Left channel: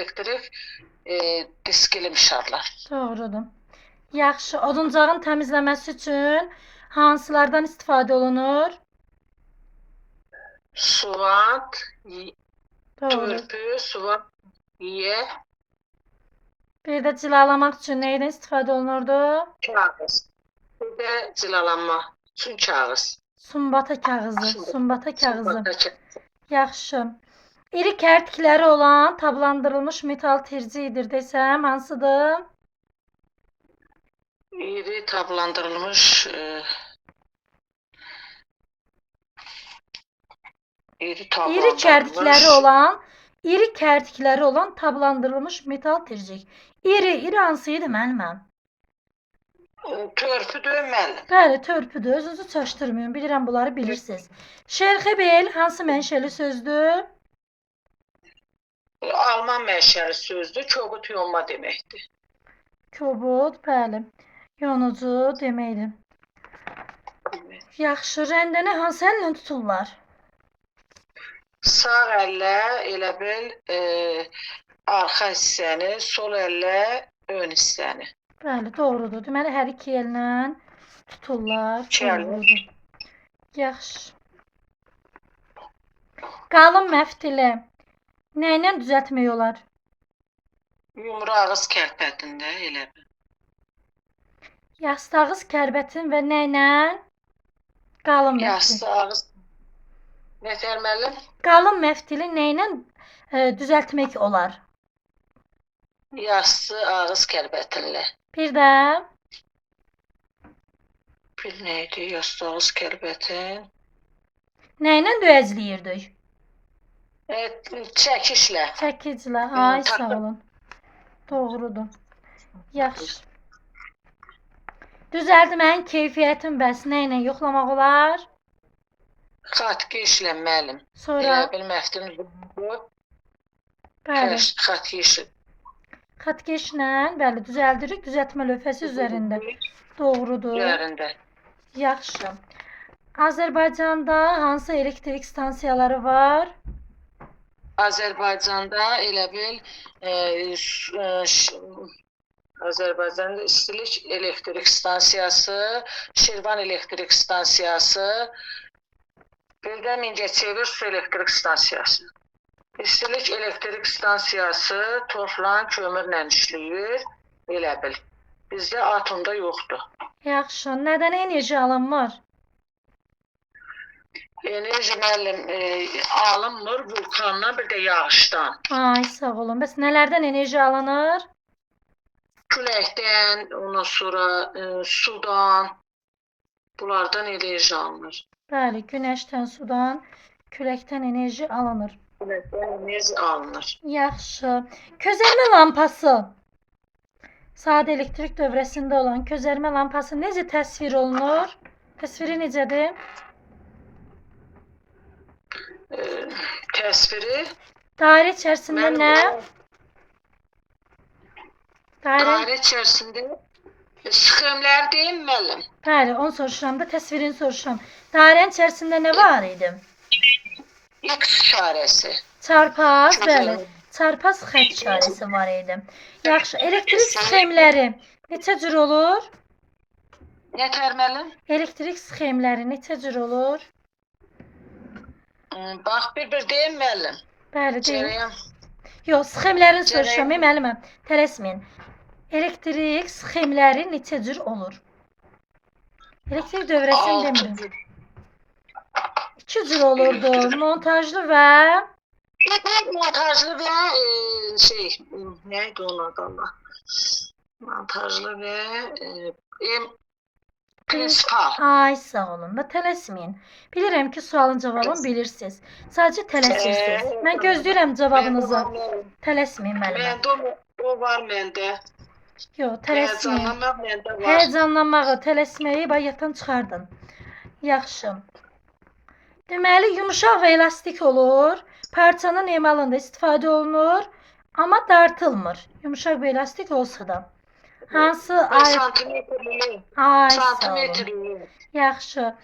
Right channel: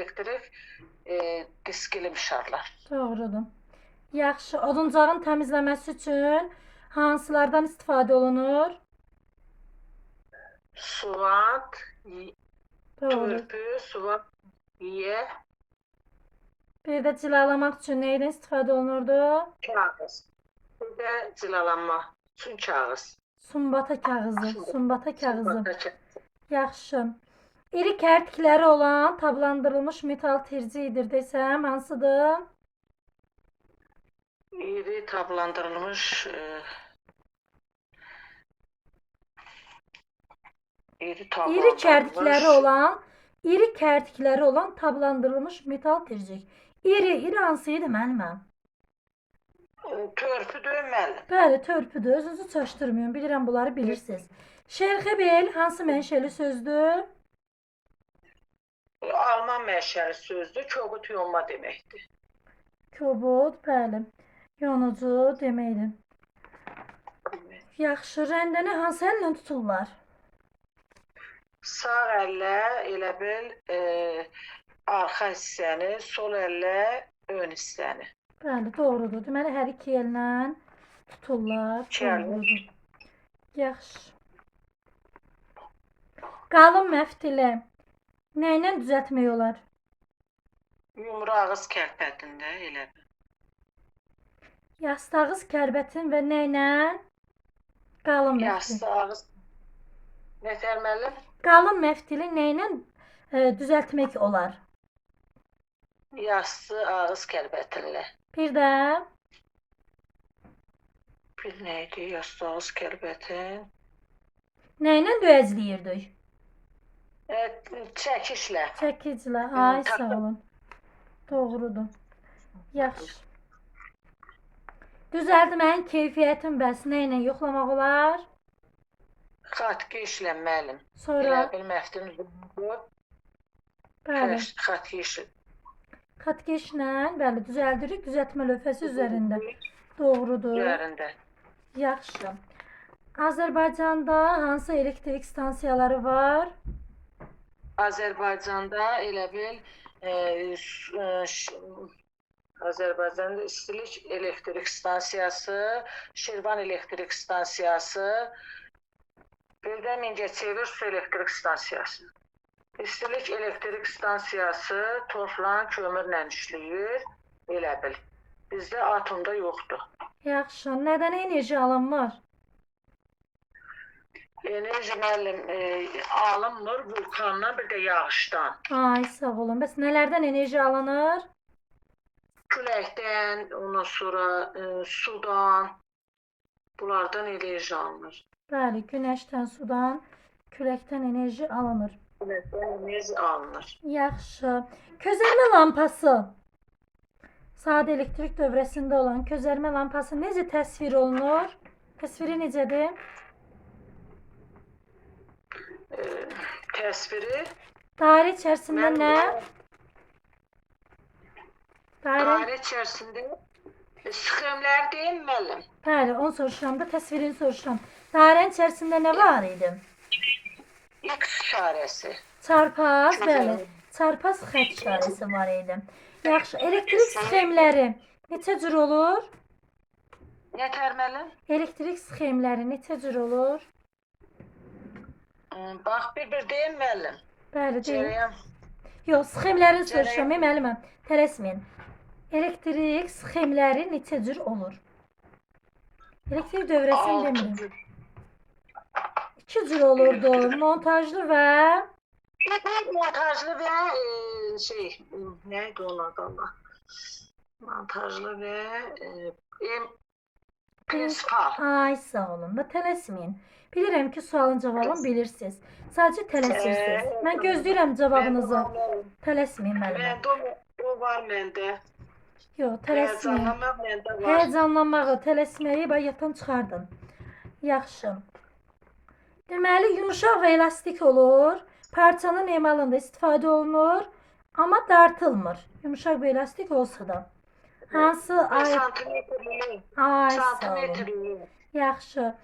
elektrik diskili mişarlar. Doğrudur. Yaxşı. Oduncağın təmizləməsi üçün hansılardan istifadə olunur? Suvat, Doğru. törpü, suvat, yiye, Bir də cilalamaq üçün neydən istifadə olunurdu? kağız. Bir de cilalanma üçün kağız. Sumbata kağızı. Sumbata kağızı. Sumbata kağızı. Yaxşı. İri kərtikləri olan tablandırılmış metal terciyidir desəm hansıdır? İri tablandırılmış İri kərtikləri olan tablandırılmış metal tercik. İri hansı idi müəlliməm? törpü dönməli. Bəli, törpüdür. Özünüzü çaşdırmayın. Bilirəm bunları bilirsiniz. Şerxebel hansı mənşəli sözdür? Alman mənşəli sözdür. Kobud yonma deməkdir. Kobud, bəli. Yonucu deməkdir. Yaxşı, rəndəni hansı əllə tuturlar? Sağ əllə elə bil arxa hissəni, sol əllə ön hissəni. Bəli, doğrudur. Deməli, hər iki əllə tuturlar. Doğrudur. Yaxşı. Qalın məftili nə ilə düzəltmək olar? Yumru ağız kərpətində elə bil. Yastağız kərbətin və nə ilə? Qalın məftil. Yastı ağız. Nətər müəllim? Qalın məftili nə ilə düzəltmək olar? Yastı ağız kərbətinlə. Bir də Bir neydi? Yastı ağız kərbətin. nə ilə döyəcləyirdik? Çəkişlə. Çəkiclə. Ay, sağ olun. Doğrudur. Yaxşı. Düzəltməyin keyfiyyətin bəs nə ilə yoxlamaq olar? Xatkişlə müəllim. Sonra Elə bil məftilin bu. bəli, Xatkişlə. xatkeşlə bəli düzəldirik düzəltmə lövhəsi üzərində. Doğrudur. Üzərində. Yaxşı. Azərbaycanda hansı elektrik stansiyaları var? Azərbaycanda elə bil Azərbaycanda İstilik elektrik stansiyası, Şirvan elektrik stansiyası, bir də Mingəçevir su elektrik stansiyası. İstilik elektrik stansiyası toflan kömürlə işləyir, elə bil. Bizdə atomda yoxdur. Yaxşı. Nədən enerji alınmır? Enerji müəllim alınmır vulkandan, bir də yağışdan. Ay, sağ olun. Bəs nələrdən enerji alınır? Küləkdən, ondan sonra sudan, bunlardan enerji alınır. Bəli, günəşdən, sudan, küləkdən enerji alınır. Küləkdən enerji alınır. Yaxşı. Közərmə lampası. Sadə elektrik dövrəsində olan közərmə lampası necə təsvir olunur? Təsviri necədir? Təsviri Dairə içərisində nə? dairə içərisində sxemlər deyim müəllim. Bəli, onu soruşuram da təsvirini soruşuram. Dairənin içərisində nə var idi? X işarəsi. Çarpaz, bəli. Çarpaz xətt işarəsi var idi. Yaxşı, elektrik sxemləri neçə cür olur? Nətər müəllim? Elektrik sxemləri neçə cür olur? Bax, bir deyim müəllim. Bəli, deyil. Cərəyan. Yox, sxemlərini soruşuram, müəlliməm. Tələsməyin. Elektrik sxemləri neçə cür olur? Elektrik dövrəsini demirəm. 2 cür olurdu. Montajlı və Montajlı və neydi onun adı Allah? Montajlı və prinsipal. Ay, sağ olun da tələsməyin. Bilirəm ki, sualın cavabını bilirsiniz. Sadəcə tələsirsiniz. Mən gözləyirəm cavabınızı. Tələsməyin müəllimə. Məndə o var məndə. Yox, tələsməyin. Həyəcanlanmaq məndə var. Həyəcanlanmağı, tələsməyi bayaqdan çıxardın. Yaxşı. Deməli, yumuşaq və elastik olur. Parçanın emalında istifadə olunur, amma dartılmır. Yumuşaq və elastik olsa da. Hansı ay? Santimetrli. Ay, sağ olun. Santimetrli. Yaxşı.